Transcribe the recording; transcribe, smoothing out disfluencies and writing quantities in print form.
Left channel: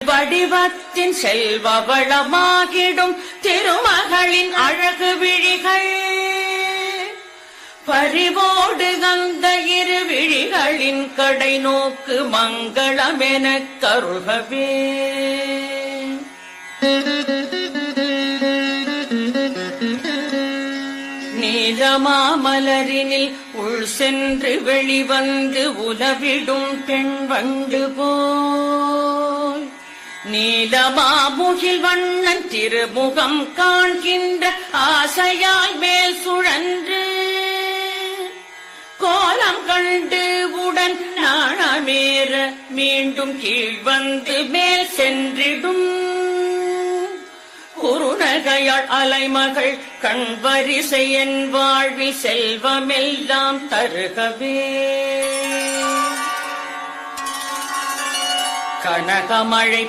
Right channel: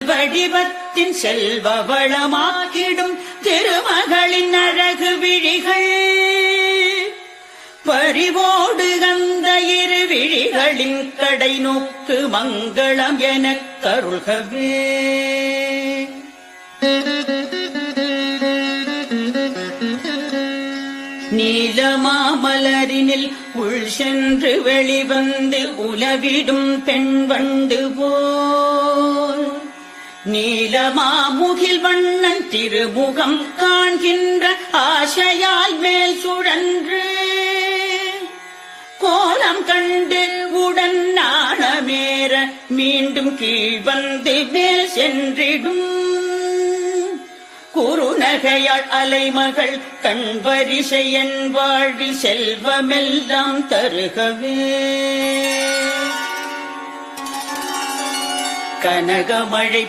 வடிவத்தின் செல்வ வளமாகிடும் திருமகளின் அழகு விழிகள் பறிவோடு அந்த இரு விழிகளின் கடை நோக்கு மங்களமென கருள்கவே. நீலமாமலரினில் உள் சென்று வெளிவந்து உலவிடும் பெண் வந்து போல் நீலமாமுகில் வண்ணன் திருமுகம் காண்கின்ற ஆசையாய் மேல் சுழன்று கோலம் கண்டு உடன் நாணமேற மீண்டும் கீழ் வந்து மேல் சென்றிடும் குறுநகையாள் அலைமகள் கண்வரிசை என் வாழ்வில் செல்வமெல்லாம் தருகவே. கனகமழை